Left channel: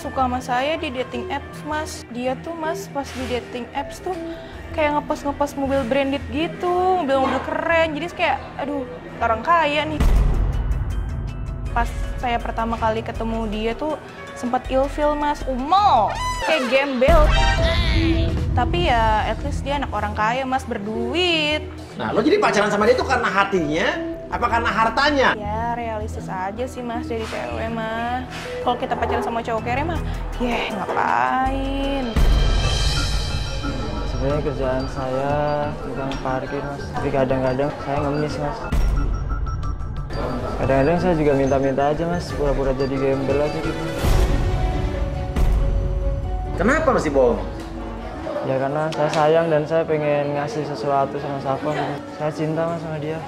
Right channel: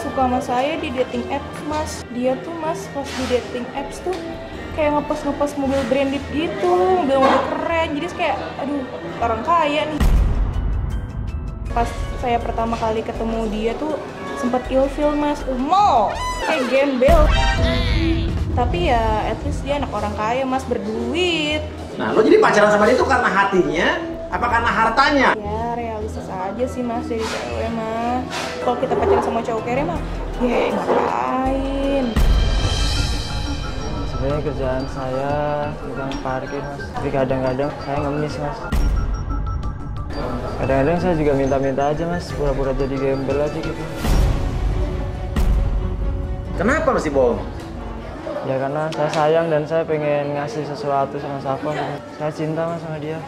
suka sama saya di dating apps, Mas. Dia tuh, Mas, pas di dating apps tuh kayak ngepost mobil branded gitu, mobil keren. Jadi kayak, aduh, orang kaya nih. Pas saya pertama kali ketemu dia tuh sempat ilfeel, Mas. Kayak gembel. Tapi ya at least dia anak orang kaya, Mas, berduit. Nah, lo jadi pacaran sama dia tuh karena hatinya apa karena hartanya? Ya realistis aja sih, Mas, dari cewek mah. Kalau kita pacaran sama cowok kere mah, ngapain? Sebenarnya kerjaan saya tukang parkir, Mas. Tapi kadang-kadang saya ngemis, Mas. Kadang-kadang saya juga minta-minta aja, Mas. Pura-pura jadi gembel aja gitu. Kenapa masih bohong? Ya karena saya sayang dan saya pengen ngasih sesuatu sama Safa gitu. Saya cinta, Mas, sama dia.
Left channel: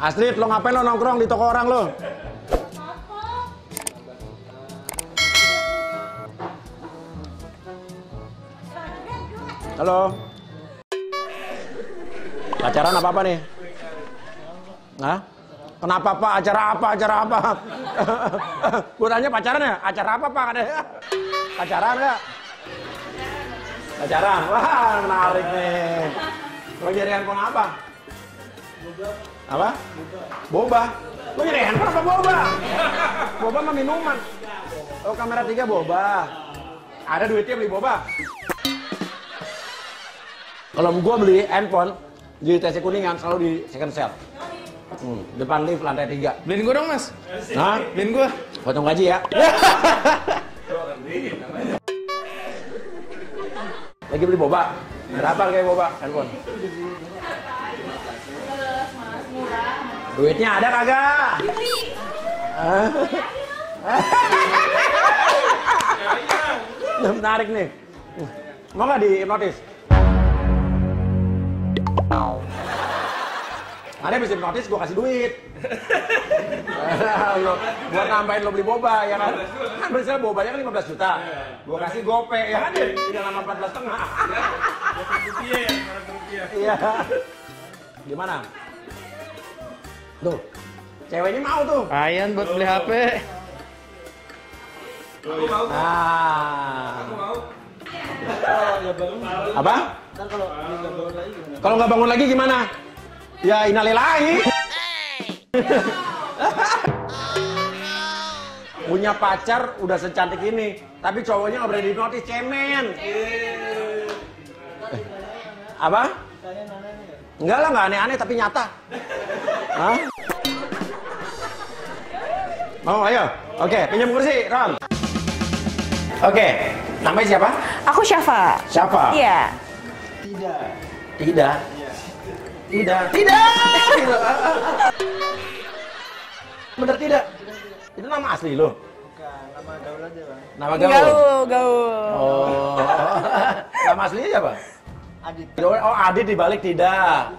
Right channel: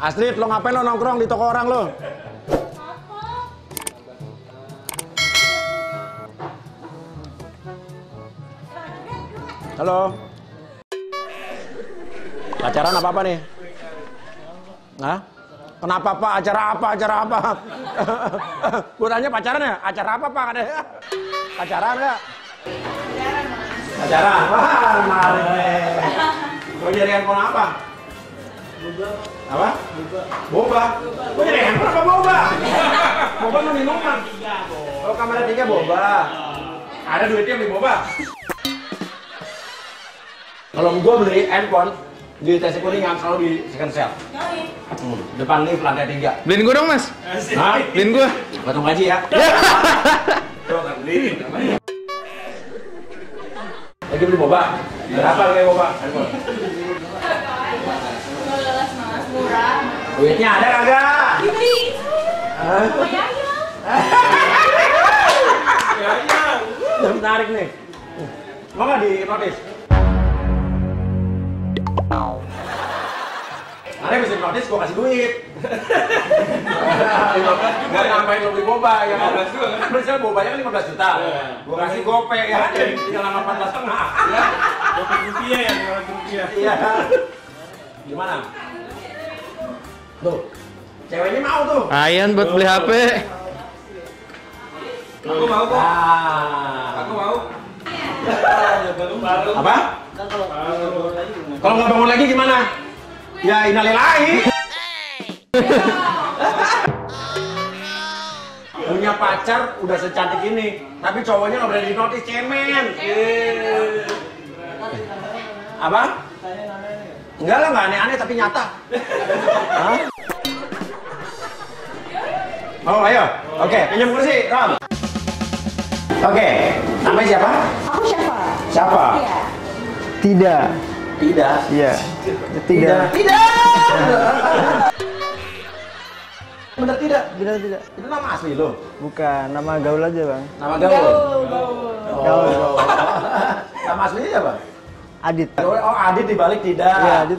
Astrid, lo ngapain lo nongkrong di toko orang lo? Halo. Pacaran apa nih? Hah? Kenapa Pak? Acara apa? Acara apa? Gue tanya pacaran ya? Acara apa Pak? Pacaran ya? Pacaran? Wah, menarik nih. Lo jadi handphone apa? Apa? Boba. Gue jadi handphone apa boba? Boba mah minuman. Oh, kamera 3 boba. Ada duitnya beli boba. Kalau gue beli handphone di TC Kuningan selalu di second sale. Depan lift lantai 3. Beliin gue dong, Mas. Hah? Beliin gue. Potong gaji ya. Lagi beli boba. Berapa harga boba? Handphone. Murah. Duitnya ada kagak? Udah menarik nih. Mau nggak dihipnotis? Ada bisa hipnotis, gue kasih duit. Buat nambahin lo beli boba, ya kan? Kan berisal bobanya kan 15 juta. Gue kasih gope, ya kan? Tinggal nama 14,5. Rupiah ya, rupiah. Iya. Gimana? Tuh, ceweknya mau tuh. Ayan buat beli HP. Aku mau kok. Aku mau. Apa? Kalau nggak bangun lagi gimana? Ya innalillahi. Punya pacar udah secantik ini, tapi cowoknya nggak berani dinotis, cemen. Apa? Enggak lah, nggak aneh-aneh tapi nyata. Hah? Mau ayo? Oke, pinjam kursi, Ram. Oke, namanya siapa? Aku Syafa. Siapa? Iya. Tidak. Tidak. Iya. Tidak. Tidak. Bener tidak? Tidak. Itu nama asli lo? Bukan, nama gaul aja, Bang. Nama gaul? Gaul. Oh. Nama aslinya siapa? Adit. Oh, Adit dibalik tidak. Iya, Adit.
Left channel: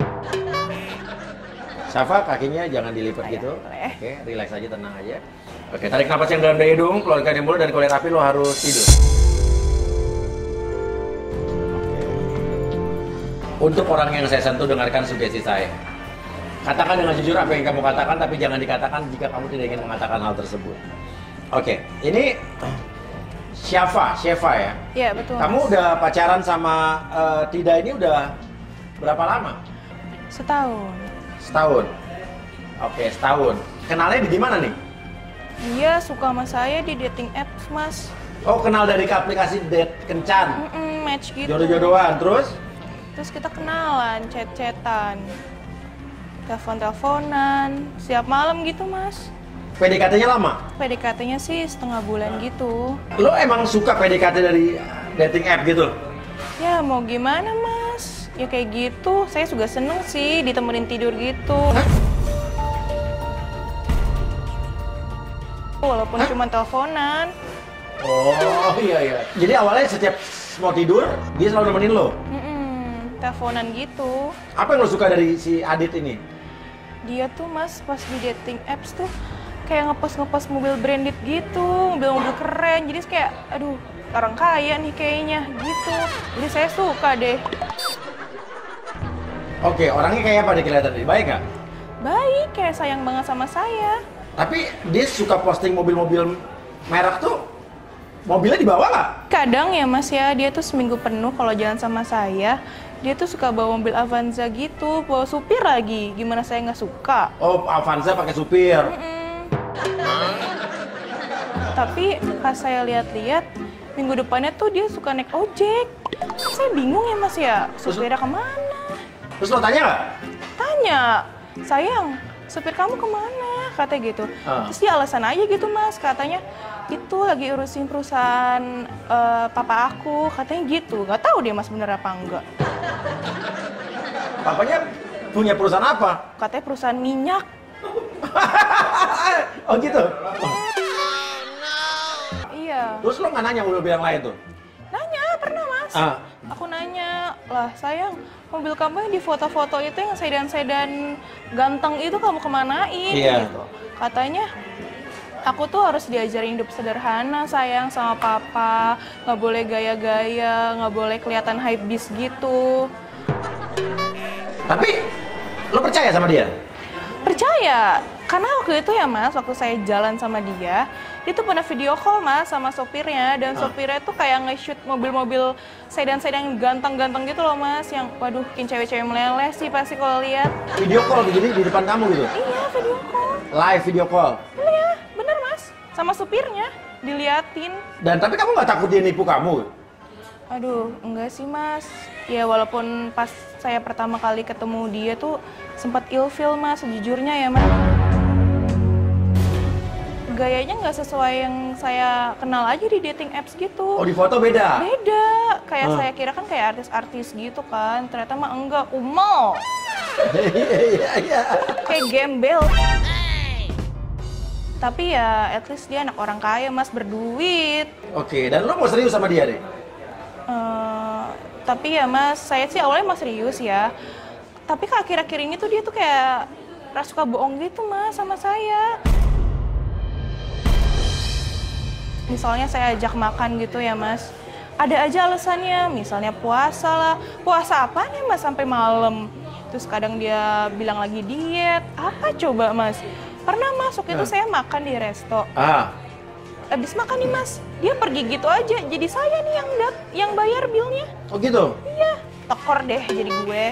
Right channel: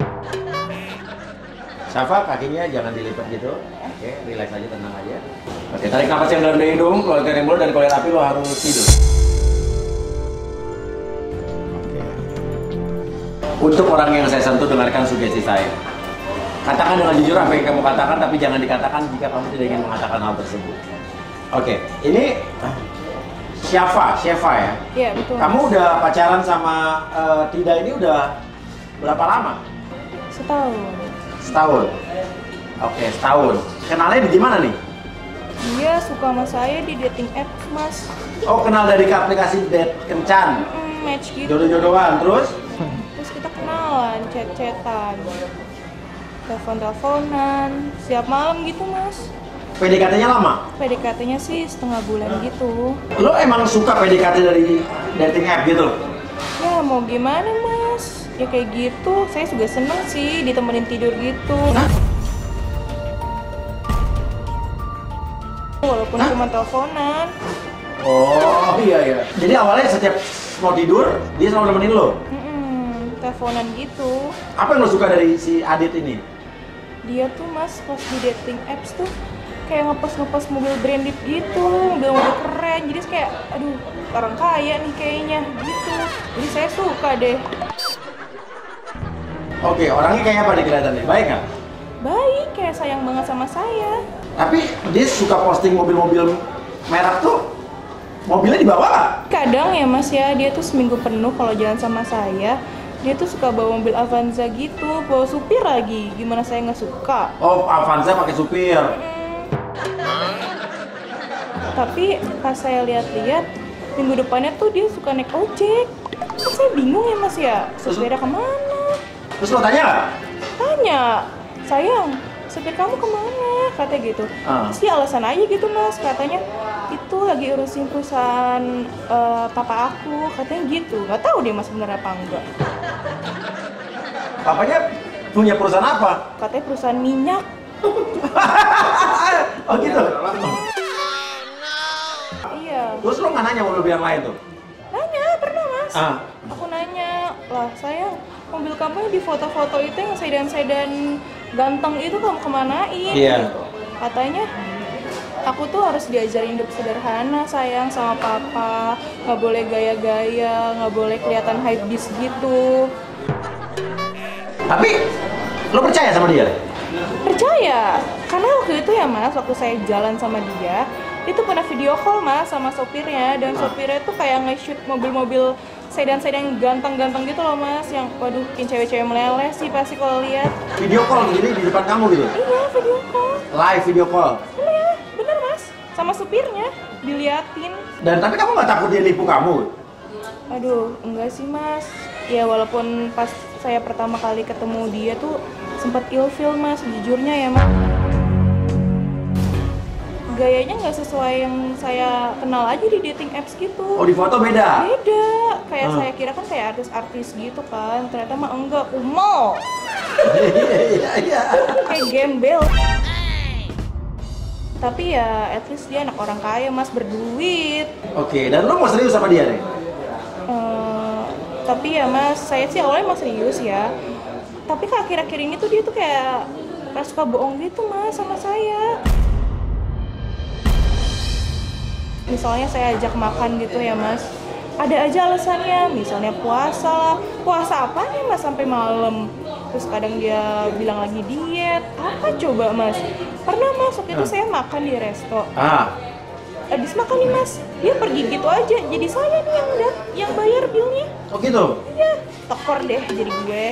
Syafa, kakinya jangan dilipat gitu. Oke, relax aja, tenang aja. Oke, tarik napas yang dalam dari hidung, keluarkan yang mulut, dan kalau rapi lo harus tidur. Oke. Untuk orang yang saya sentuh, dengarkan sugesti saya. Katakan dengan jujur apa yang kamu katakan, tapi jangan dikatakan jika kamu tidak ingin mengatakan hal tersebut. Oke, ini Syafa ya? Iya, betul. Kamu udah pacaran sama Tida ini udah berapa lama? Setahun. Oke, setahun. Kenalnya di gimana nih? Dia suka sama saya di dating apps, Mas. Oh, kenal dari aplikasi date kencan. Match gitu. Jodoh-jodohan, terus? Terus kita kenalan, chat-chatan, telepon-teleponan, siap malam gitu, Mas. PDKT-nya lama? PDKT-nya sih setengah bulan gitu. Lo emang suka PDKT dari dating app gitu? Ya mau gimana, Mas? Ya kayak gitu, saya juga seneng sih ditemenin tidur gitu. Hah? Walaupun cuma teleponan. Oh iya. Jadi awalnya setiap mau tidur, dia selalu nemenin lo? Teleponan gitu. Apa yang lo suka dari si Adit ini? Dia tuh, Mas, pas di dating apps tuh kayak ngepost mobil branded gitu, mobil keren. Jadi kayak, aduh, orang kaya nih kayaknya gitu. Jadi saya suka deh. Oke, orangnya kayak apa nih kelihatannya? Baik nggak? Baik, kayak sayang banget sama saya. Tapi dia suka posting mobil-mobil merek tuh, mobilnya dibawa nggak? Kadang ya mas ya, dia tuh seminggu penuh kalau jalan sama saya, dia tuh suka bawa mobil Avanza gitu, bawa supir lagi. Gimana saya nggak suka? Oh, Avanza pakai supir. Tapi pas saya lihat-lihat, minggu depannya tuh dia suka naik ojek. Kan saya bingung ya mas ya, supirnya kemana? Terus lo tanya nggak? Tanya, sayang, supir kamu kemana? Katanya gitu. Ah. Terus dia alasan aja gitu mas, katanya itu lagi urusin perusahaan papa aku, katanya gitu. Gak tahu dia mas bener apa enggak. Papanya punya perusahaan apa? Katanya perusahaan minyak. Oh gitu? Iya. Terus lo nggak nanya mobil yang lain tuh? Nanya, pernah mas. Ah. Aku nanya, lah sayang, mobil kamu yang di foto-foto itu yang sedan-sedan ganteng itu kamu kemanain? Iya. Katanya, aku tuh harus diajarin hidup sederhana sayang sama papa, nggak boleh gaya-gaya, nggak boleh kelihatan hype beast gitu. Tapi lo percaya sama dia? Percaya, karena waktu itu ya mas, waktu saya jalan sama dia, itu pernah video call mas sama sopirnya, dan sopirnya tuh kayak nge-shoot mobil-mobil sedan-sedan ganteng-ganteng gitu loh mas, yang waduh bikin cewek-cewek meleleh sih pasti kalau lihat. Video call begini di depan kamu gitu? Iya, video call. Live video call? Iya, bener mas, sama supirnya diliatin. Dan tapi kamu nggak takut dia nipu kamu? Aduh, enggak sih mas. Ya walaupun pas saya pertama kali ketemu dia tuh sempat ilfeel mas, sejujurnya ya mas. Gayanya nggak sesuai yang saya kenal aja di dating apps gitu. Oh, di foto beda? Beda. Kayak saya kira kan kayak artis-artis gitu kan. Ternyata mah enggak, kuno. Iya. Kayak gembel. Tapi ya at least dia anak orang kaya mas, berduit. Oke, dan lo mau serius sama dia nih? Tapi ya mas, saya sih awalnya mas serius ya. Tapi akhir-akhir ini tuh dia tuh kayak suka bohong gitu mas sama saya. Misalnya saya ajak makan gitu ya mas, ada aja alasannya, misalnya puasa lah. Puasa apa nih mas sampai malam? Terus kadang dia bilang lagi diet. Apa coba mas? Pernah mas, waktu itu saya makan di resto. Habis makan nih mas, dia pergi gitu aja. Jadi saya nih yang bayar bilnya. Oh gitu? Iya, tekor deh jadi gue.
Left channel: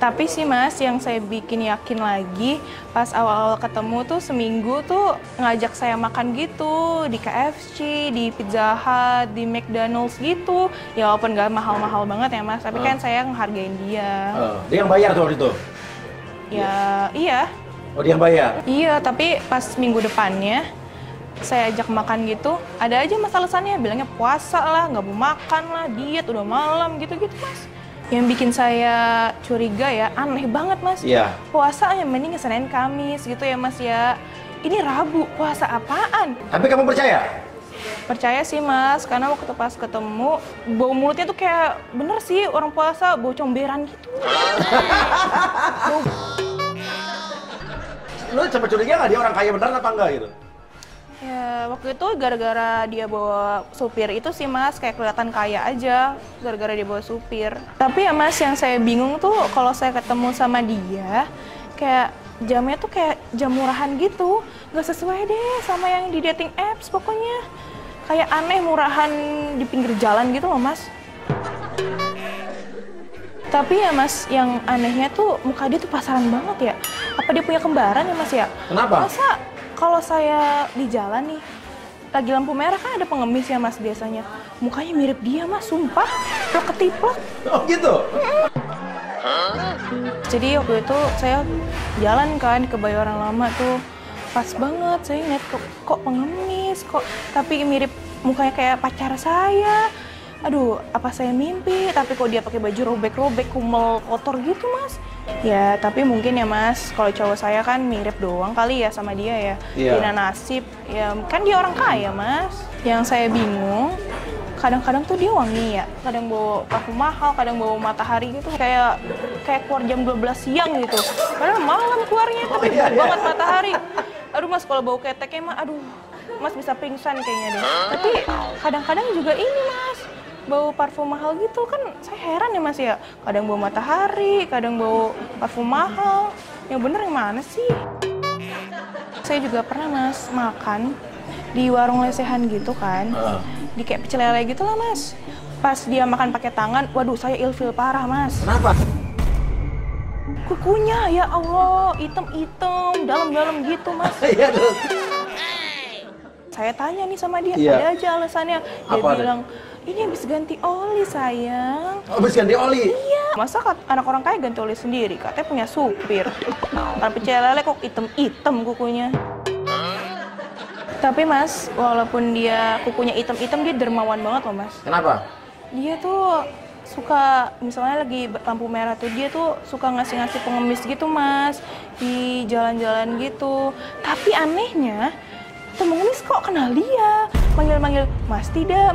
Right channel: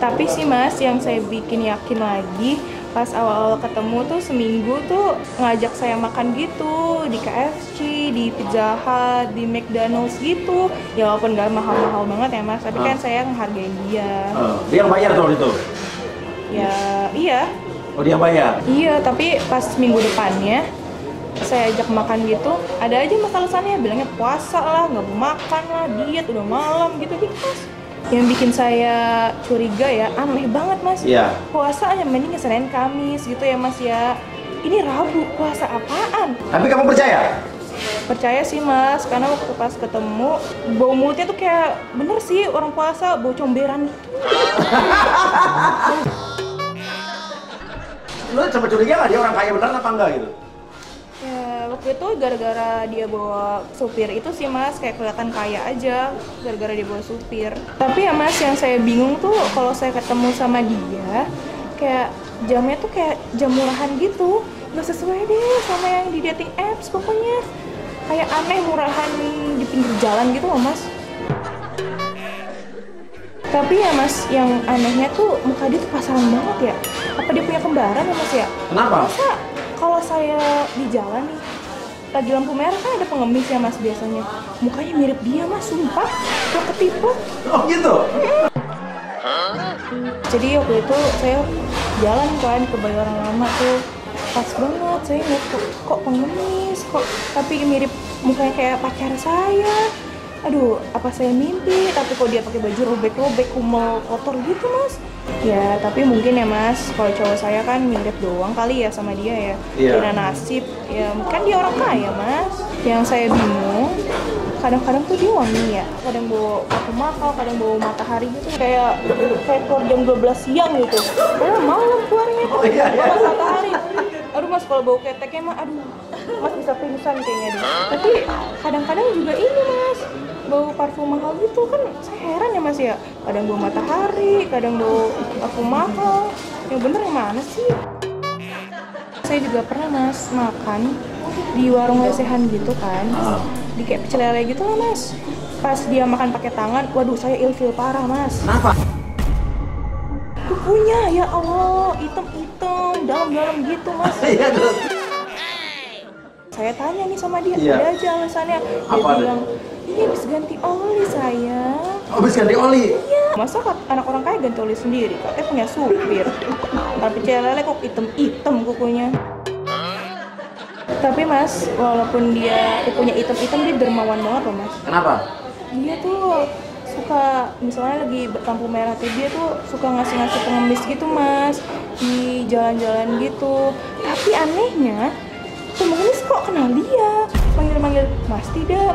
Tapi sih mas, yang saya bikin yakin lagi, pas awal-awal ketemu tuh seminggu tuh ngajak saya makan gitu di KFC, di Pizza Hut, di McDonald's gitu. Ya walaupun gak mahal-mahal banget ya mas, tapi kan saya menghargai dia. Dia yang bayar tuh waktu itu? Ya, iya. Oh, dia yang bayar? Iya, tapi pas minggu depannya saya ajak makan gitu, ada aja mas alasannya, bilangnya puasa lah, nggak mau makan lah, diet, udah malam, gitu-gitu mas. Yang bikin saya curiga ya, aneh banget mas. Iya. Puasa aja mending Senin Kamis gitu ya mas ya. Ini Rabu, puasa apaan? Tapi kamu percaya? Percaya sih mas, karena waktu pas ketemu, bau mulutnya tuh kayak bener sih orang puasa, bau comberan gitu. Lu sempat curiga nggak dia orang kaya beneran apa enggak gitu? Ya, waktu itu gara-gara dia bawa supir itu sih mas, kayak kelihatan kaya aja gara-gara dia bawa supir. Tapi ya mas, yang saya bingung tuh kalau saya ketemu sama dia, kayak jamnya tuh kayak jam murahan gitu, nggak sesuai deh sama yang di dating apps pokoknya. Kayak aneh, murahan di pinggir jalan gitu loh mas. Tapi ya mas, yang anehnya tuh muka dia tuh pasaran banget ya. Apa dia punya kembaran ya mas ya? Kenapa? Masa kalau saya di jalan nih, lagi lampu merah kan ada pengemis ya mas biasanya. Mukanya mirip dia mas, sumpah. Gak ketipu. Oh gitu? Jadi waktu itu saya jalan kan ke Bayoran Lama tuh. Pas banget, saya lihat kok pengemis, kok tapi mirip mukanya kayak pacar saya. Aduh, apa saya mimpi? Tapi kok dia pakai baju robek-robek, kumel, kotor gitu mas. Ya, tapi mungkin ya mas, kalau cowok saya kan mirip doang kali ya sama dia ya. Iya. Beda nasib, ya kan dia orang kaya mas. Yang saya bingung, kadang-kadang tuh dia wangi ya. Kadang bawa parfum mahal, kadang bawa matahari gitu. Kayak keluar jam 12 siang gitu. Padahal malam keluarnya, tapi bawa matahari. Aduh mas, kalau bau keteknya mah, aduh mas bisa pingsan kayaknya deh. Tapi kadang-kadang juga ini mas, bau parfum mahal gitu kan. Saya heran ya Mas ya, kadang bau matahari, kadang bau parfum mahal. Yang bener yang mana sih? Saya juga pernah Mas makan di warung lesehan gitu kan, di kayak pecel lele gitu lah Mas. Pas dia makan pakai tangan, waduh saya ilfil parah Mas. Kenapa? Kukunya ya Allah, hitam-hitam, dalam-dalam gitu Mas. Iya terus. Saya tanya nih sama dia, Iya. ada aja alasannya. Dia Apa bilang, ini habis ganti oli sayang. Oh, habis ganti oli. Iya, masa anak orang kaya ganti oli sendiri? Katanya punya supir. Tapi lele kok hitam-hitam kukunya. Tapi Mas, walaupun dia kukunya hitam-hitam, dia dermawan banget loh Mas. Kenapa? Dia tuh suka, misalnya lagi berlampu merah tuh, dia tuh suka ngasih-ngasih pengemis gitu Mas, di jalan-jalan gitu. Tapi anehnya, pengemis kok kenal dia, manggil-manggil Mas Tidak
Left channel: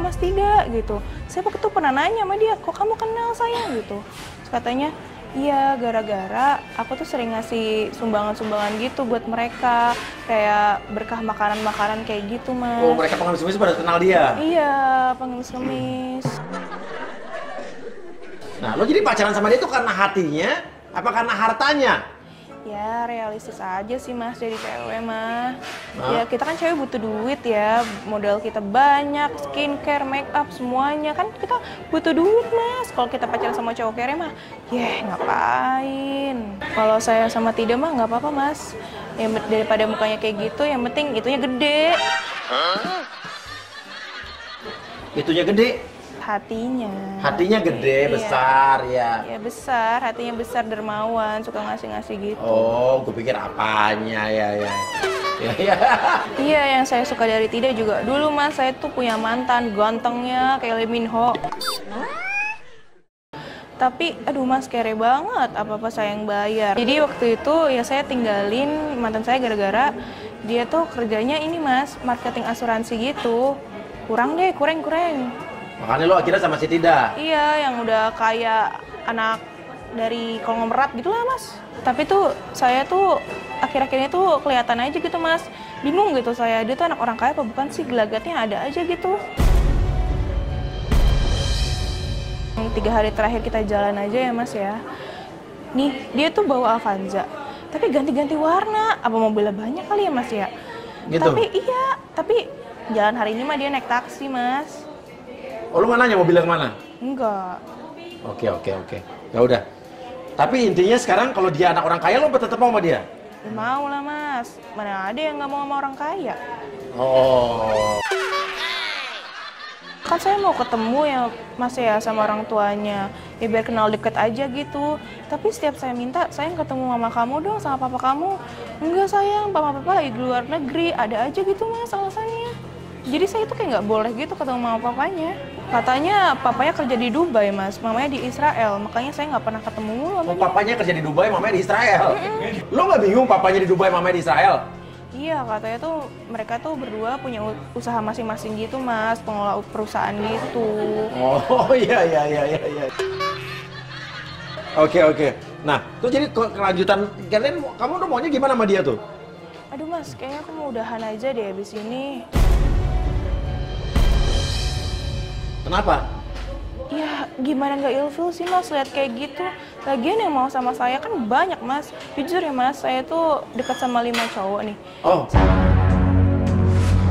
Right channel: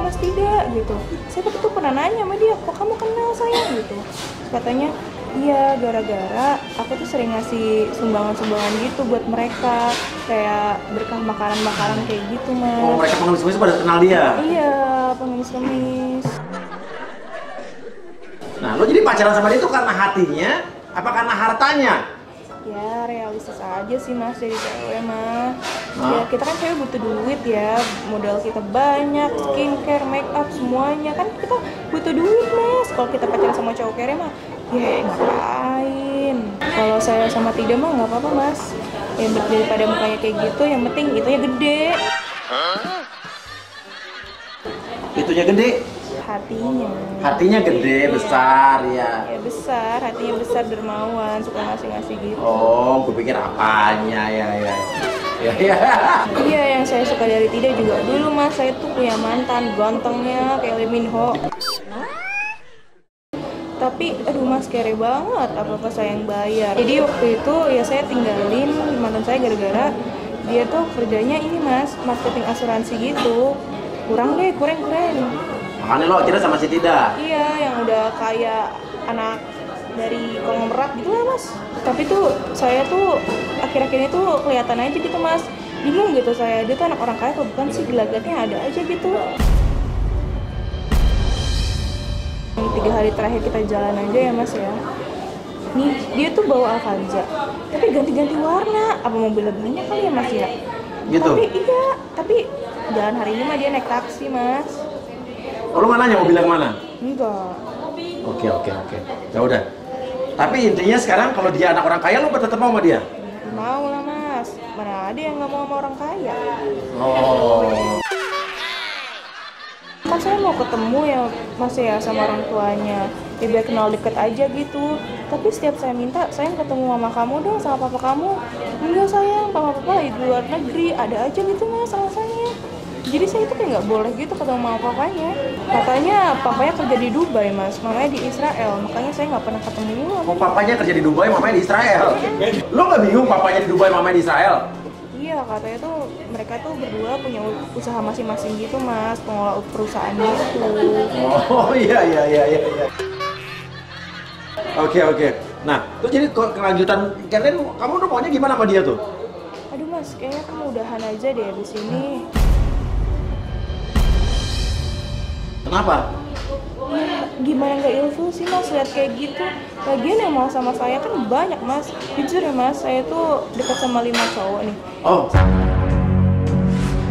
gitu. Saya waktu itu pernah nanya sama dia, kok kamu kenal saya gitu. Terus katanya, iya gara-gara aku tuh sering ngasih sumbangan-sumbangan gitu buat mereka, kayak berkah makanan-makanan kayak gitu Mas. Oh, mereka pengemis-pengemis pada kenal dia. Iya, pengemis-pengemis. Nah, lo jadi pacaran sama dia itu karena hatinya, apa karena hartanya? Ya realistis aja sih Mas jadi cewek mah. Nah. Ya kita kan cewek butuh duit ya, modal kita banyak, skincare, make up semuanya kan kita butuh duit Mas. Kalau kita pacaran sama cowok kere mah, ya ngapain? Kalau saya sama Tidak mah nggak apa-apa Mas. Yang daripada mukanya kayak gitu, yang penting itunya gede. Itunya gede, Hatinya. hatinya gede, besar ya. Ya besar, hatinya besar, dermawan, suka ngasih-ngasih gitu. Oh, gue pikir apanya ya. Iya, yang saya suka dari Tidak juga dulu Mas, saya tuh punya mantan gantengnya kayak Lee Min Ho. Tapi aduh Mas kere banget, apa-apa saya yang bayar. Jadi waktu itu ya saya tinggalin mantan saya gara-gara dia tuh kerjanya ini Mas, marketing asuransi gitu. Kurang. Makanya lo akhirnya sama si Tidak. Iya, yang udah kayak anak dari konglomerat gitu lah Mas. Tapi tuh saya tuh akhir-akhir itu kelihatan aja gitu Mas, bingung gitu saya, dia tuh anak orang kaya apa bukan sih, gelagatnya ada aja gitu. 3 hari terakhir kita jalan aja ya Mas ya, nih dia tuh bawa Avanza tapi ganti-ganti warna, apa mobilnya banyak kali ya Mas ya Gitu? tapi jalan hari ini mah dia naik taksi Mas. Oh, lo nggak nanya mobilnya kemana? Enggak. Oke. Ya udah. Tapi intinya sekarang kalau dia anak orang kaya, lo tetap mau sama dia? Mau lah Mas, mana ada yang nggak mau sama orang kaya. Oh. Kan saya mau ketemu ya Mas ya sama orang tuanya, ya biar kenal deket aja gitu. Tapi setiap saya minta, sayang ketemu mama kamu dong sama papa kamu. Enggak sayang, papa lagi di luar negeri, ada aja gitu Mas alasannya. Jadi saya itu kayak nggak boleh gitu ketemu mama papanya. Katanya papanya kerja di Dubai Mas, mamanya di Israel, makanya saya nggak pernah ketemu. Oh, papanya kerja di Dubai, mamanya di Israel. Lo nggak bingung papanya di Dubai, mamanya di Israel? Iya, katanya tuh mereka tuh berdua punya usaha masing-masing gitu Mas, pengelola perusahaan gitu. Oh iya. Oke. Nah, terus jadi kelanjutan kalian, kamu tuh maunya gimana sama dia tuh? Aduh Mas, kayaknya aku mau udahan aja deh abis ini. Kenapa? Ya gimana nggak ilfil sih Mas lihat kayak gitu. Lagian yang mau sama saya kan banyak Mas. Jujur ya Mas, saya tuh dekat sama 5 cowok nih. Oh,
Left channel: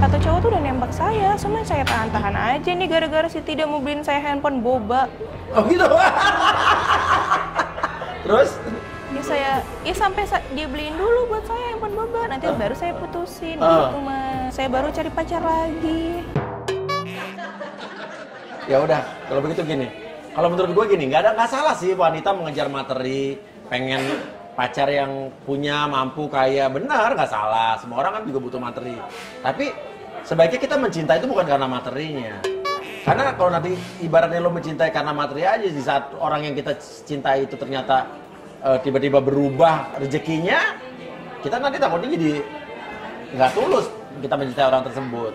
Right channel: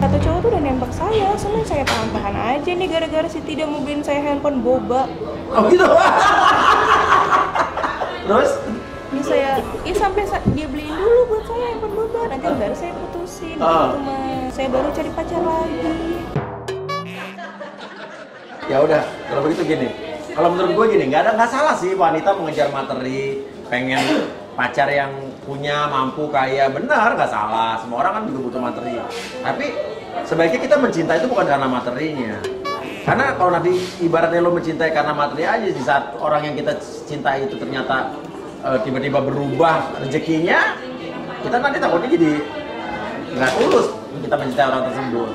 Satu cowok tuh udah nembak saya, cuma saya tahan-tahan aja nih gara-gara si Tidak mau beliin saya handphone boba. oh gitu. Terus? Ya sampai dia beliin dulu buat saya handphone boba, nanti baru saya putusin gitu Mas. Saya baru cari pacar lagi. Ya udah, kalau begitu gini. Kalau menurut gue gini, nggak salah sih wanita mengejar materi, pengen pacar yang punya, mampu, kaya, benar nggak salah. Semua orang kan juga butuh materi. Tapi sebaiknya kita mencintai itu bukan karena materinya. Karena kalau nanti ibaratnya lo mencintai karena materi aja, di saat orang yang kita cintai itu ternyata tiba-tiba berubah rezekinya, kita nanti takutnya jadi nggak tulus kita mencintai orang tersebut.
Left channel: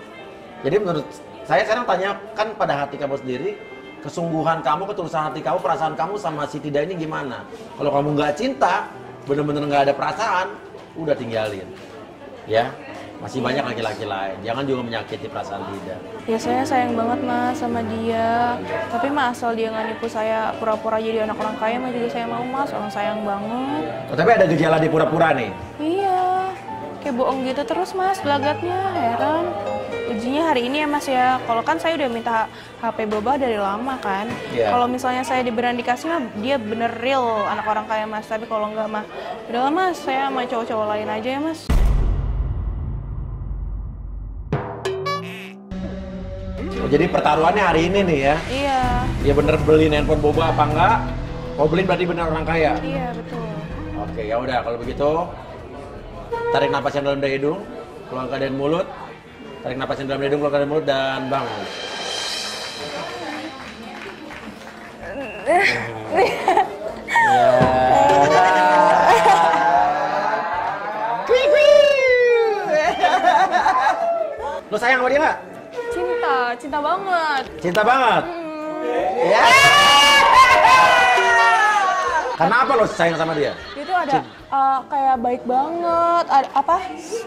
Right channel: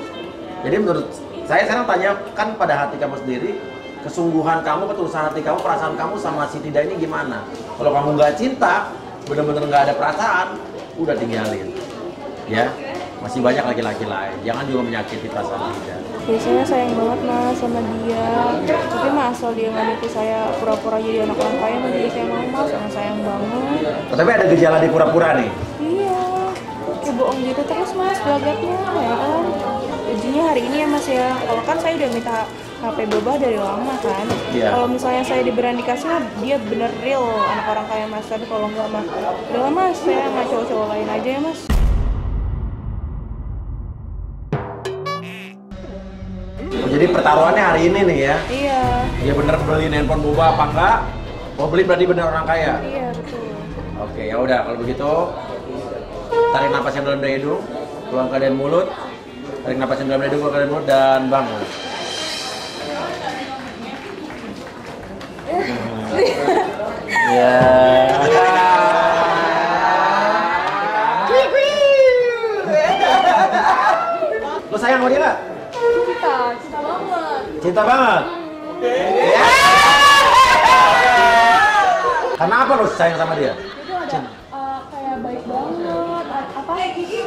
Jadi menurut saya sekarang tanyakan pada hati kamu sendiri, kesungguhan kamu, ketulusan hati kamu, perasaan kamu sama si Tidak ini gimana? Kalau kamu nggak cinta, bener-bener nggak ada perasaan, udah tinggalin, ya. Masih banyak laki-laki lain. Jangan juga menyakiti perasaan dia. Biasanya sayang banget mas sama dia, tapi mas asal dia nggak nipu saya pura-pura jadi anak orang kaya mah jadi saya mau mas, sama sayang banget. Tapi ada gejala di pura-pura nih. Iya, kayak bohong gitu terus mas gelagatnya ya kan. Ujinya hari ini ya mas ya, kalau kan saya udah minta HP Boba dari lama kan. Iya. Kalau misalnya saya diberani kasih mah dia bener real anak orang kaya mas, tapi kalau nggak mah udah lah mas, saya sama cowok-cowok lain aja ya mas. Jadi pertaruhannya hari ini nih ya. Iya, Dia bener beliin handphone Boba apa enggak? Mau beli berarti bener orang kaya. iya betul. Oke, ya udah kalau begitu tarik napas yang dalam dari hidung, keluarkan dari mulut. Tarik napas yang dalam dari hidung, keluarkan dari mulut dan bangun. Ya. Lo sayang sama dia nggak? Cinta banget. Cinta banget. Ya. Karena apa lo sayang sama dia? Itu ada kayak baik banget, apa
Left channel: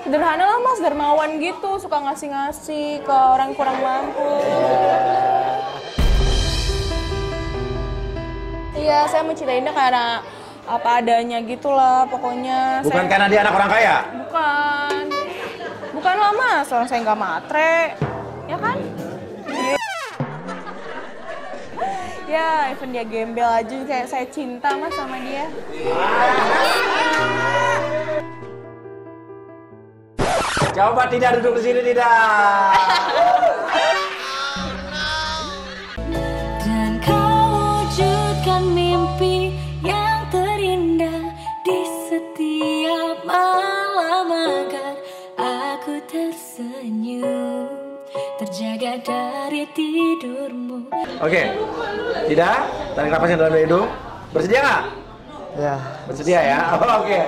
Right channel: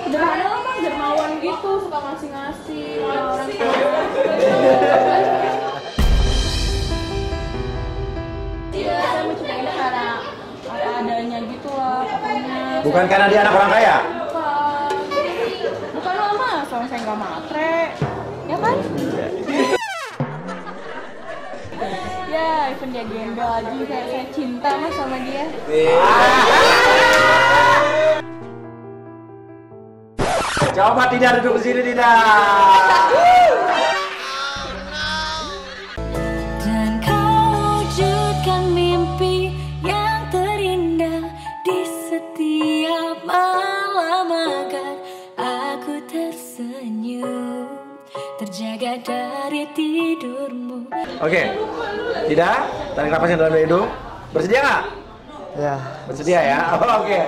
sederhana lah mas, dermawan gitu, suka ngasih-ngasih ke orang kurang mampu. Iya, saya mencintainya karena apa adanya gitulah pokoknya. Bukan saya, karena dia anak orang kaya? bukan lah mas, soalnya saya nggak matre, ya kan? Ya, punya gembel aja kayak saya cinta mas sama dia. Coba tidak duduk di sini tidak. Dan kau wujudkan mimpi yang terindah di setiap malam agar aku tersenyum, terjaga dari tidurmu. Oke, tidak. Tarik napas yang dalam dari hidung. Bersedia nggak? Ya, Bersedia ya? Oke.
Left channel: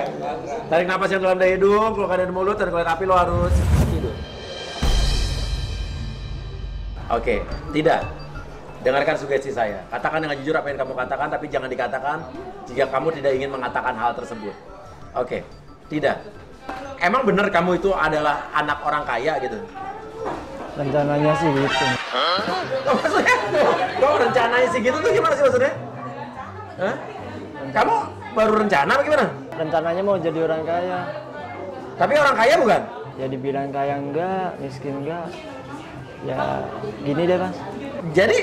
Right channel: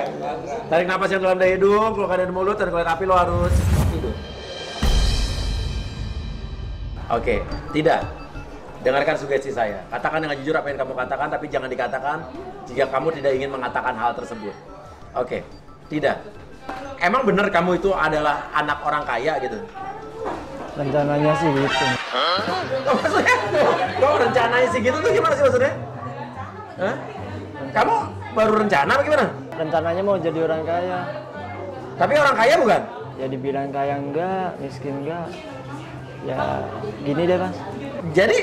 Tarik napas yang dalam dari hidung, keluarkan dari mulut, dan keluar api lo harus tidur. Oke, tidak. Dengarkan sugesti saya. Katakan dengan jujur apa yang kamu katakan, tapi jangan dikatakan jika kamu tidak ingin mengatakan hal tersebut. Oke, tidak. Emang bener kamu itu adalah anak orang kaya gitu? rencananya sih gitu. Oh, maksudnya? Kok rencananya sih gitu tuh gimana sih maksudnya? Hah? Kamu baru rencana apa gimana? Rencananya mau jadi orang kaya. Tapi orang kaya bukan? Ya dibilang kaya enggak, miskin enggak. Ya gini deh mas. Jadi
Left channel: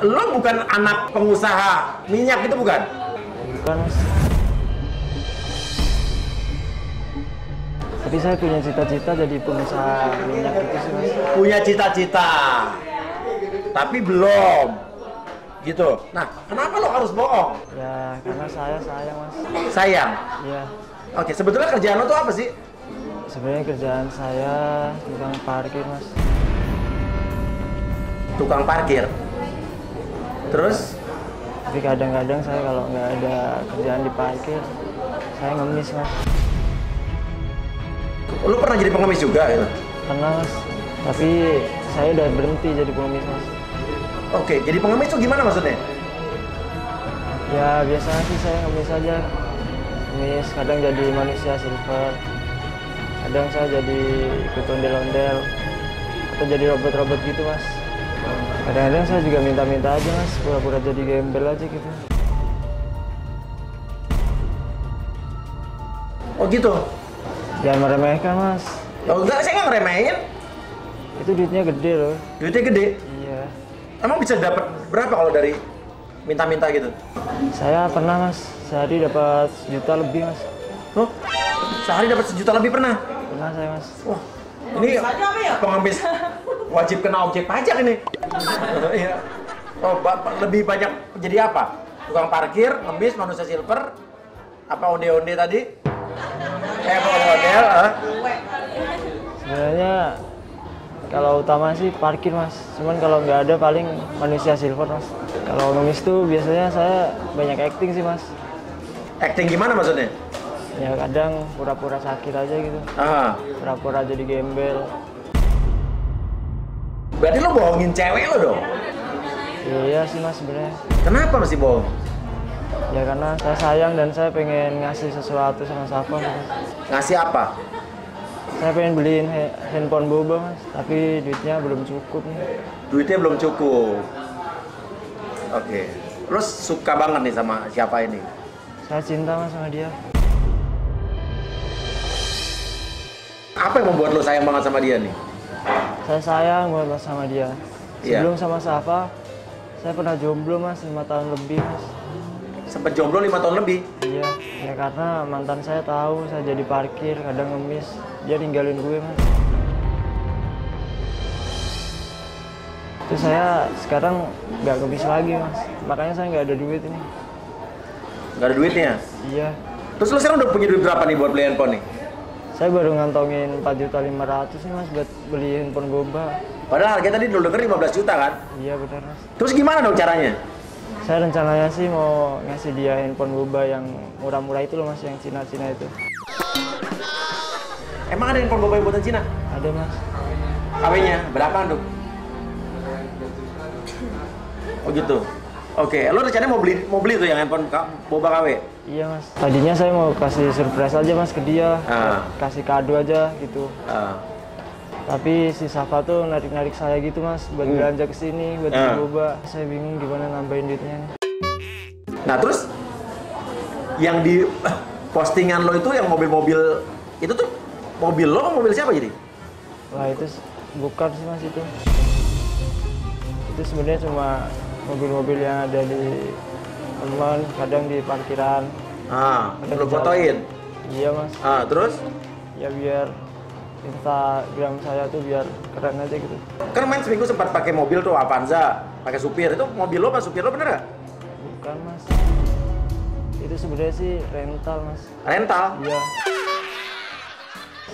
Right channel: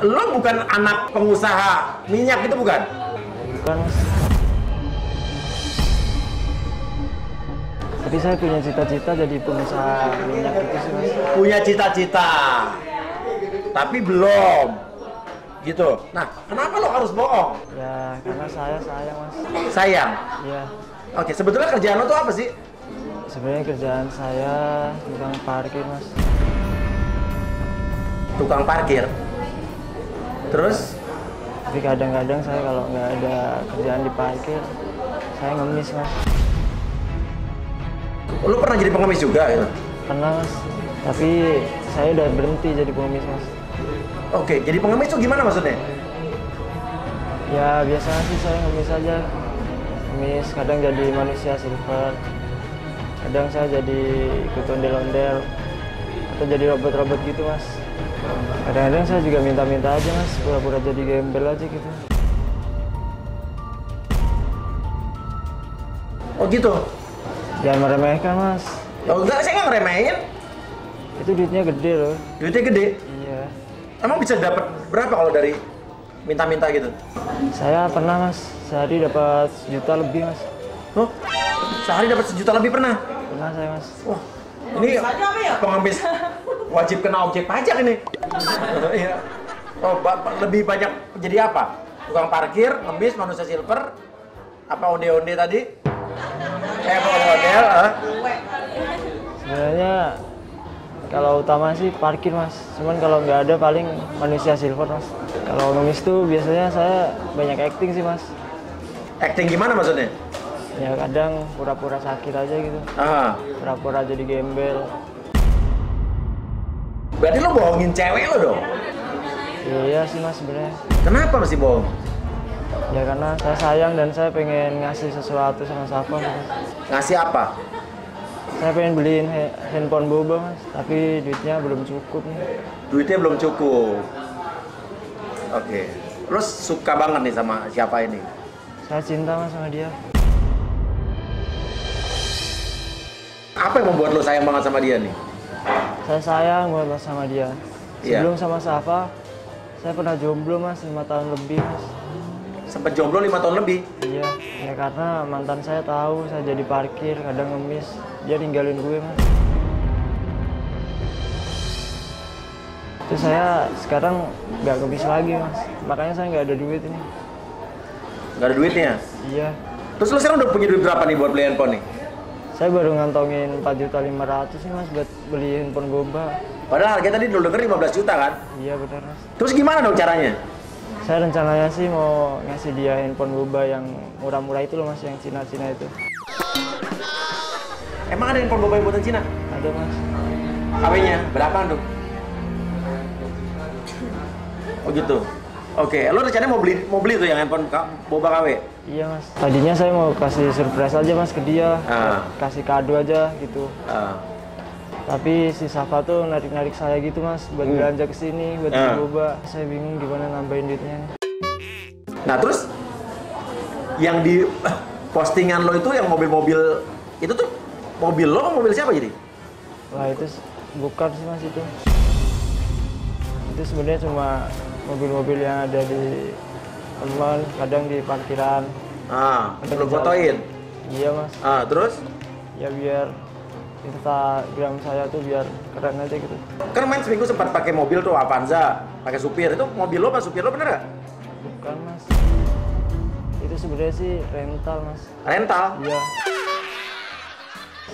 lo bukan anak pengusaha minyak itu bukan? Bukan mas. Tapi saya punya cita-cita jadi pengusaha minyak gitu sih mas. Punya cita-cita, tapi belum. Gitu. Nah, kenapa lo harus bohong? Ya karena saya sayang mas. Sayang. Iya. Oke, sebetulnya kerjaan lo tuh apa sih? Sebenarnya kerjaan saya tukang parkir mas. Tukang parkir. Terus? Tapi kadang-kadang saya kalau nggak ada kerjaan di parkir, saya ngemis mas. Lo pernah jadi pengemis juga gitu? Pernah mas. Tapi saya udah berhenti jadi pengemis mas. Oke, jadi pengemis tuh gimana maksudnya? Ya biasanya sih saya ngemis aja. Ngemis, kadang jadi manusia silver. Kadang saya jadi ikut ondel-ondel. Atau jadi robot-robot gitu mas. Kadang-kadang saya juga minta-minta aja mas, pura-pura jadi gembel aja gitu. Oh gitu? Jangan meremehkan mas. Oh enggak, saya nggak ngeremehin. Itu duitnya gede loh. Duitnya gede. Iya. Emang bisa dapat berapa kalau dari minta-minta gitu? Saya pernah mas, sehari dapat 1 juta lebih mas. Oh, sehari dapat 1 juta lebih pernah? Pernah saya mas. Wah, ini pengemis wajib kena objek pajak ini. Iya. Oh, lebih banyak jadi apa? Tukang parkir, ngemis, manusia silver, apa onde-onde tadi? Ondel-ondel. Sebenarnya kalau utama sih parkir mas. Cuman kalau nggak ada paling manusia silver mas. Kalau ngemis tuh biasanya saya banyak acting sih mas. Acting gimana maksudnya? Ya kadang pura-pura sakit aja gitu. Ah, Pura-pura jadi gembel. berarti lo bohongin cewek lo dong? Iya sih mas sebenarnya. Kenapa masih bohong? Ya karena saya sayang dan saya pengen ngasih sesuatu sama Safa gitu. Ngasih apa? Saya pengen beliin handphone boba mas, tapi duitnya belum cukup nih. Duitnya belum cukup. Oke. Terus suka banget nih sama siapa ini? Saya cinta mas sama dia. Apa yang membuat lo sayang banget sama dia nih? Saya sayang banget mas sama dia. Iya. Sebelum sama Safa, saya pernah jomblo mas 5 tahun lebih mas. Sempet jomblo 5 tahun lebih? Iya, ya karena mantan saya tahu saya jadi parkir, kadang ngemis, dia ninggalin gue mas. Terus saya sekarang nggak ngemis lagi mas, makanya saya nggak ada duit ini. Nggak ada duitnya? Iya. Terus lo sekarang udah punya duit berapa nih buat beli handphone nih? Saya baru ngantongin 4.500.000 nih mas buat beli handphone boba. Padahal harganya tadi lo denger 15 juta kan? Iya benar mas. Terus gimana dong caranya? Saya rencananya sih mau ngasih dia handphone boba yang murah-murah itu loh mas, yang Cina-Cina itu. Emang ada handphone boba yang buatan Cina? Ada mas. KW-nya berapaan tuh? Oh gitu. Oke, lo rencananya mau beli tuh yang handphone boba KW? Iya mas. Tadinya saya mau kasih surprise aja mas ke dia, Ah. kasih kado aja gitu. Tapi si Safa tuh narik-narik saya gitu mas, buat belanja ke sini, buat beli boba. Saya bingung gimana nambahin duitnya nih. Nah terus yang di postingan lo itu yang mobil-mobil itu tuh mobil lo atau mobil siapa jadi? Wah itu bukan sih mas itu. Itu sebenarnya cuma mobil-mobil yang ada di teman, kadang di parkiran. Lo fotoin? Iya mas. Terus? Ya biar Instagram saya tuh biar keren aja gitu. Kan main seminggu sempat pakai mobil tuh Avanza, pakai supir. Itu mobil lo apa supir lo bener gak? Bukan mas. Itu sebenarnya sih rental mas. Rental? Iya.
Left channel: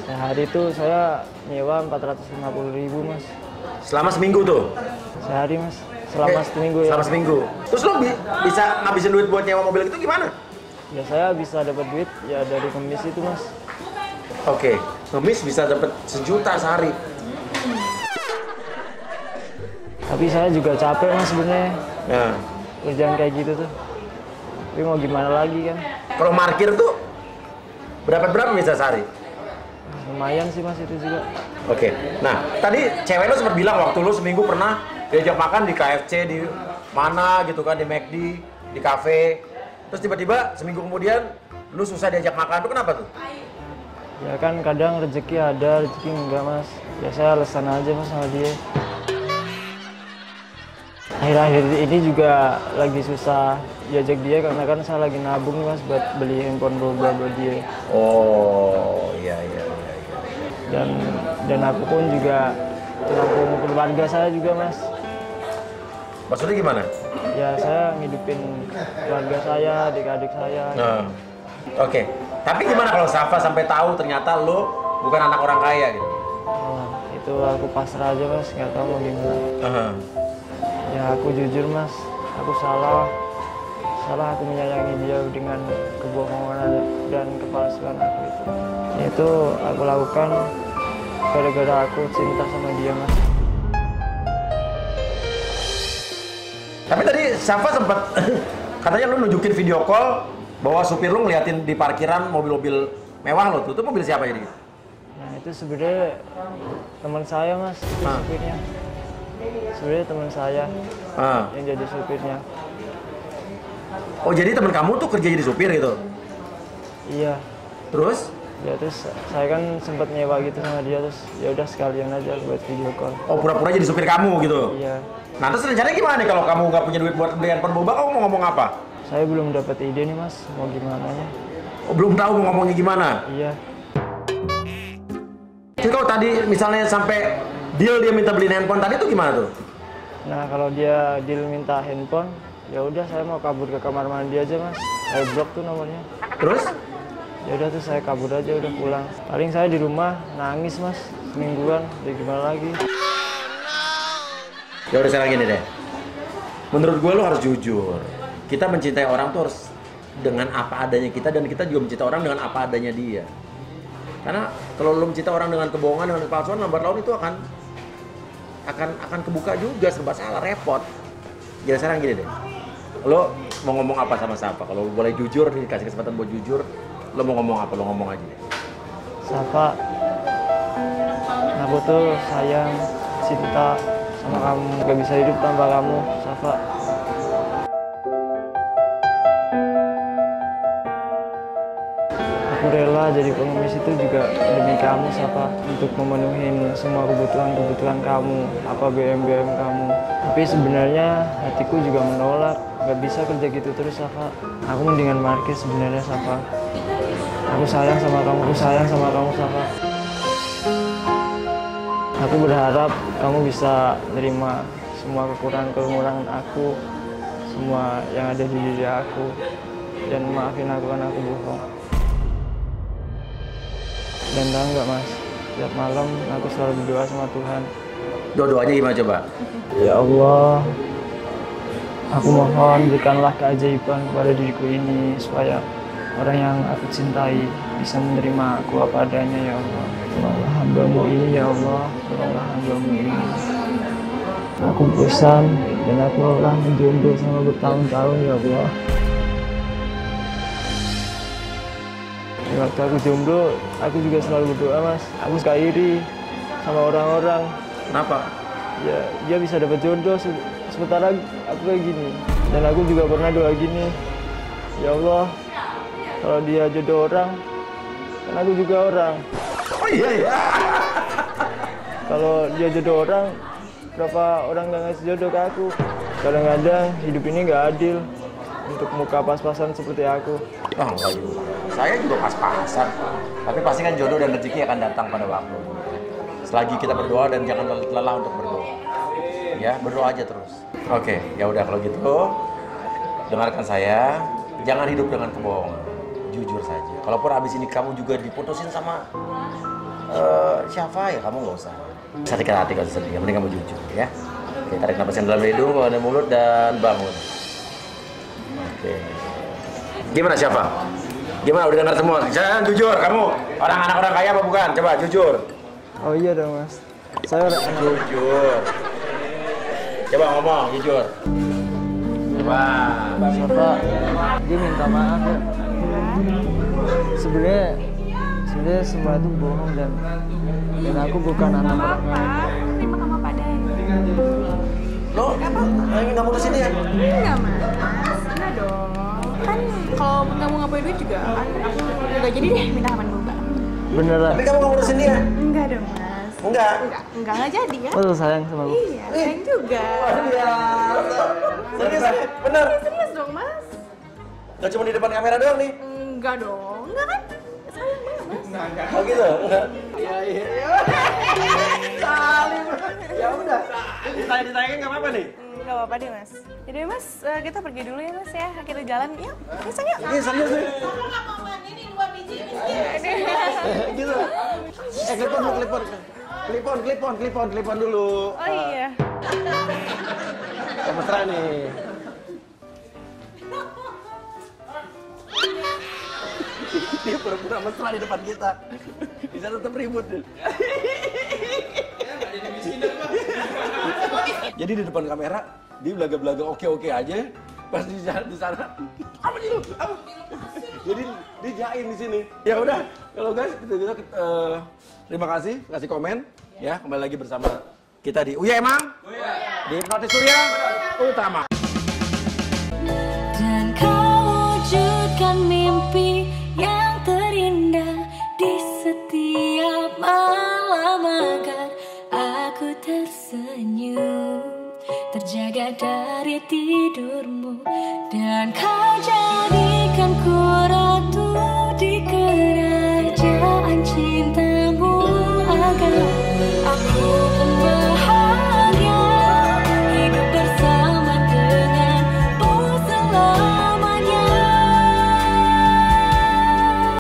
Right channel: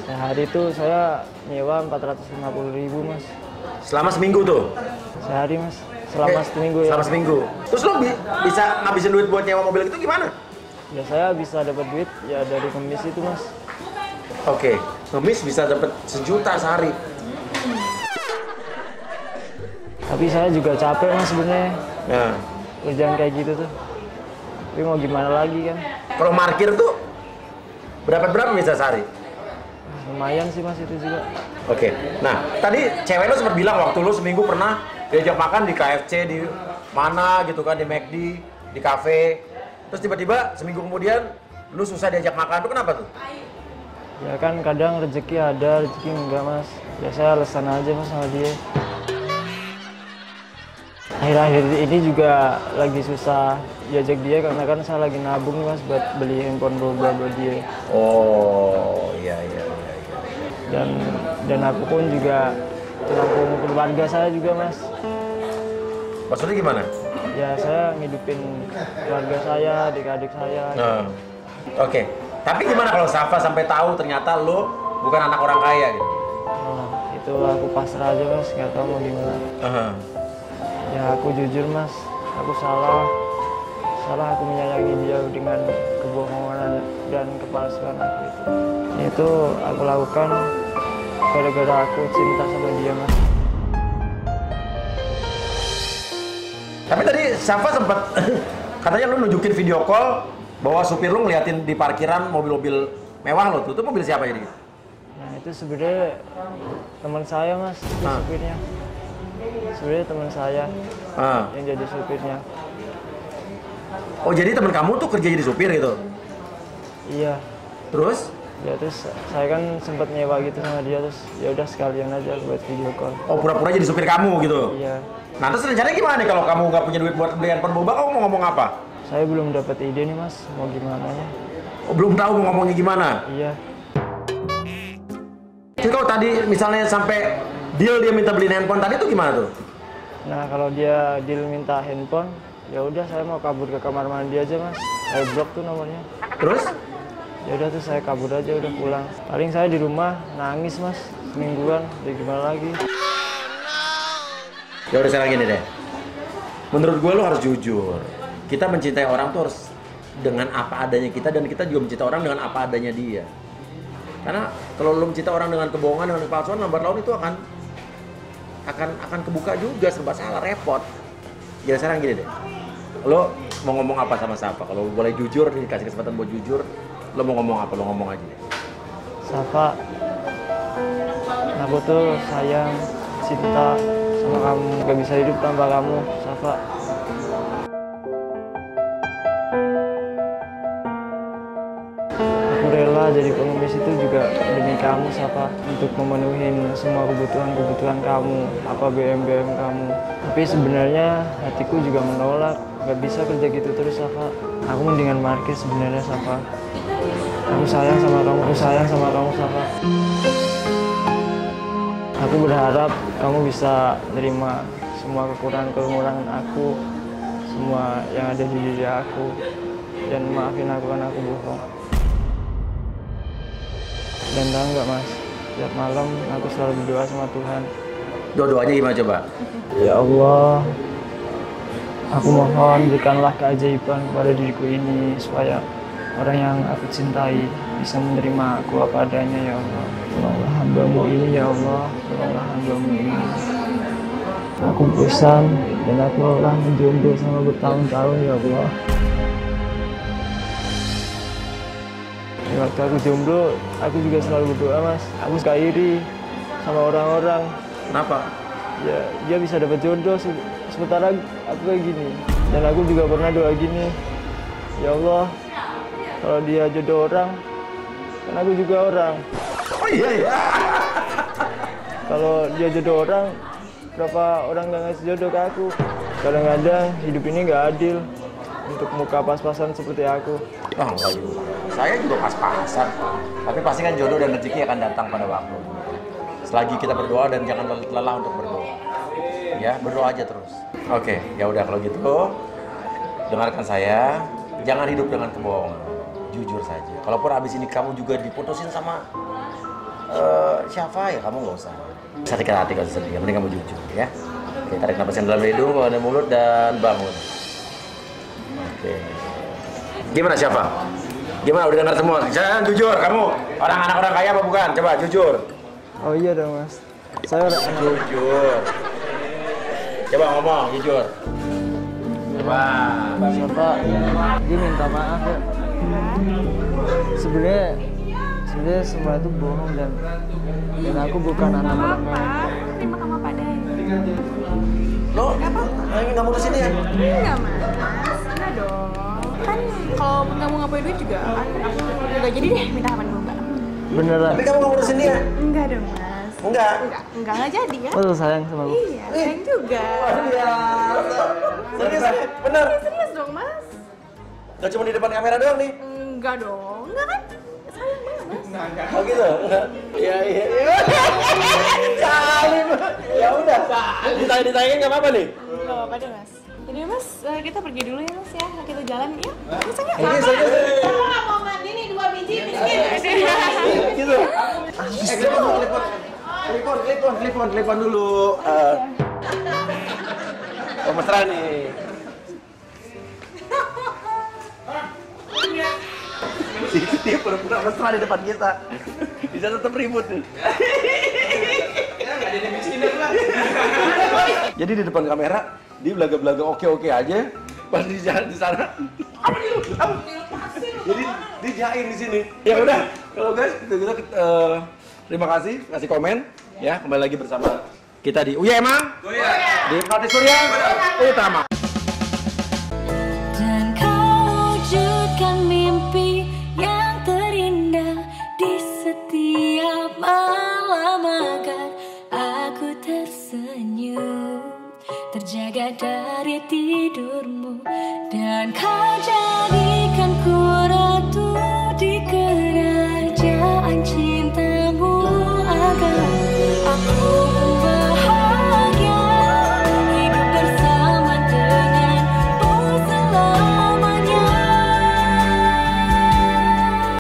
Sehari tuh saya nyewa 450.000 mas. Selama seminggu tuh? Sehari mas. Selama seminggu ya. Selama seminggu. Terus lo bisa ngabisin duit buat nyewa mobil itu gimana? Ya saya bisa dapat duit ya dari kemis itu mas. Oke, ngemis bisa dapat 1 juta sehari. Tapi saya juga capek mas sebenarnya. Nah, Kerjaan kayak gitu tuh. Tapi mau gimana lagi kan? kalau parkir tuh berapa bisa sehari? Lumayan sih mas itu juga. Oke. Nah, tadi cewek lo sempat bilang waktu lo seminggu pernah diajak makan di KFC di mana gitu kan, di McD, di kafe. Terus tiba-tiba seminggu kemudian lu susah diajak makan, tuh kenapa tuh? Ya kan kadang rezeki ada, rezeki enggak mas. Ya saya alasan aja mas sama dia. Akhir-akhir ini juga lagi susah diajak dia karena kan saya lagi nabung mas buat beli handphone boba buat dia. Oh, iya. Dan aku pun juga nabung keluarga saya juga mas. Maksudnya gimana? Ya saya ngidupin keluarga saya, adik-adik saya. Oke. Tapi gimana kalau Safa sampai tahu ternyata lo bukan anak orang kaya gitu? Oh, itu aku pasrah aja mas, nggak tahu mau gimana. Ya aku jujur mas, aku salah aku menyayangi dia dengan kebohongan dan kepalsuan aku itu. Itu aku lakukan gara-gara aku cinta sama dia mas. Tapi tadi Safa sempat katanya lo nunjukin video call bahwa supir lo ngeliatin di parkiran mobil-mobil mewah lo tuh. Itu mobil siapa jadi? Nah itu sebenarnya teman saya mas, itu supirnya. Sebenarnya teman saya yang jadi supirnya. Oh jadi teman kamu tuh kerja jadi supir gitu? Iya. Terus? Ya terus saya kan sempat nyewa gitu sama dia, terus ya udah sekalian aja buat video call. Oh pura-pura jadi supir kamu gitu? Iya. Nah terus rencananya gimana nih kalau kamu nggak punya duit buat beli handphone boba, kamu mau ngomong apa? Saya belum dapat ide nih mas, mau gimana ya? Oh belum tahu mau ngomongnya gimana? Iya. Jadi kalau tadi misalnya sampai deal dia minta beliin handphone tadi tuh gimana tuh? Nah kalau dia deal minta handphone, ya udah saya mau kabur ke kamar mandi aja mas. Saya blok tuh nomornya. Terus? Ya udah tuh saya kabur aja, udah pulang. Paling saya di rumah nangis mas, semingguan. Ya gimana lagi? Ya udah sekarang gini deh. Menurut gue lo harus jujur. Kita mencintai orang tuh harus dengan apa adanya kita, dan kita juga mencintai orang dengan apa adanya dia. Karena kalau lo mencintai orang dengan kebohongan, dengan kepalsuan, lambat laun itu akan kebuka juga, serba salah, repot. Jadi sekarang gini deh. Lo mau ngomong apa sama siapa? Kalau boleh jujur, dikasih kesempatan buat jujur, lo mau ngomong apa? Lo ngomong aja. Safa, Aku tuh sayang, cinta sama kamu. Gak bisa hidup tanpa kamu, Safa. Aku rela jadi pengemis itu juga demi kamu, Safa. Untuk memenuhi semua kebutuhan kamu, apa BM kamu. Tapi sebenarnya hatiku juga menolak. Gak bisa kerja gitu terus, Safa. Aku mendingan markir sebenarnya, Safa. Aku sayang sama kamu, Safa. Aku berharap kamu bisa terima semua kekurangan aku, semua yang ada di diri aku, dan maafin aku karena aku bohong. Dan tahu nggak, Mas, tiap malam aku selalu berdoa sama Tuhan. Doa-doanya gimana coba? Ya Allah, aku mohon berikanlah keajaiban kepada diriku ini supaya orang yang aku cintai bisa menerima aku apa adanya, ya Allah. Tolonglah hamba-Mu ini, ya Allah. Tolonglah hamba-Mu ini. Aku bosan dan aku lelah menjomblo selama bertahun-tahun, ya Allah. Waktu aku jomblo, aku juga selalu berdoa, Mas. Aku suka iri sama orang-orang. Kenapa? Ya, dia bisa dapat jodoh sementara aku kayak gini. Dan aku juga pernah doa gini, ya Allah, kalau dia jodoh orang, kan aku juga orang. Oh iya. Kalau dia jodoh orang, berapa orang nggak ngasih jodoh ke aku? Kadang-kadang hidup ini nggak adil untuk muka pas-pasan seperti aku. Oh, enggak juga. Saya juga pas-pasan. Tapi pasti kan jodoh dan rezeki akan datang pada waktu. Selagi kita berdoa dan jangan lelah untuk berdoa. Ya, berdoa aja terus. Oke, ya udah kalau gitu. Dengarkan saya, jangan hidup dengan kebohongan. Jujur saja. Kalaupun abis ini kamu juga diputusin sama siapa ya, kamu nggak usah sakit hati, nggak usah sedih. Yang penting kamu jujur, ya. Oke, tarik napas dalam hidung, keluar dari mulut dan bangun. Oke. Gimana siapa? Gimana udah dengar semua? Jangan jujur, kamu orang anak orang kaya apa bukan? Coba jujur. Oh iya dong, Mas. Saya orang Jujur. Coba ngomong jujur. Coba. Safa, dia minta maaf ya. Sebenarnya semua itu bohong dan aku bukan anak orang kaya. Terima kamu padanya. Lo nggak mau kesini ya? Enggak, Mas. Enggak dong. Kan kalau nggak mau ngapain duit juga kan aku nggak jadi deh minta kapan boba. Beneran? Tapi kamu nggak mau kesini ya? Enggak dong, Mas. Enggak. Enggak jadi ya. Oh, sayang sama aku. Iya, sayang juga. Serius? Bener? Serius dong, Mas. Gak cuma di depan kamera doang nih? Enggak dong. Enggak kan? Sayang banget, Mas. Oh gitu? Iya. Salim. Ya udah. Ditanya-ditanya nggak apa-apa nih? Enggak apa-apa deh, Mas. Jadi Mas, kita pergi dulu ya, Mas ya. Kita jalan yuk. Masanya Ini serius. mau mandi nih 2 biji miskin. Gitu. Klipon dulu, klipon dulu. Oh iya. Mesra nih. Dia pura-pura mesra di depan kita. Bisa tetap ribut. Jadi di depan kamera dia belaga-belaga oke aja. Pas di sana apa nih lu? Apa? Jadi dijain di sini. Ya udah, kalau guys kita terima kasih, kasih komen ya. Kembali lagi bersama kita di Uya Emang. Di Partai Surya Utama. Dan kau wujudkan mimpi yang terindah di setiap malam agar aku tersenyum, terjaga dari tidurmu, dan kau jadikan ku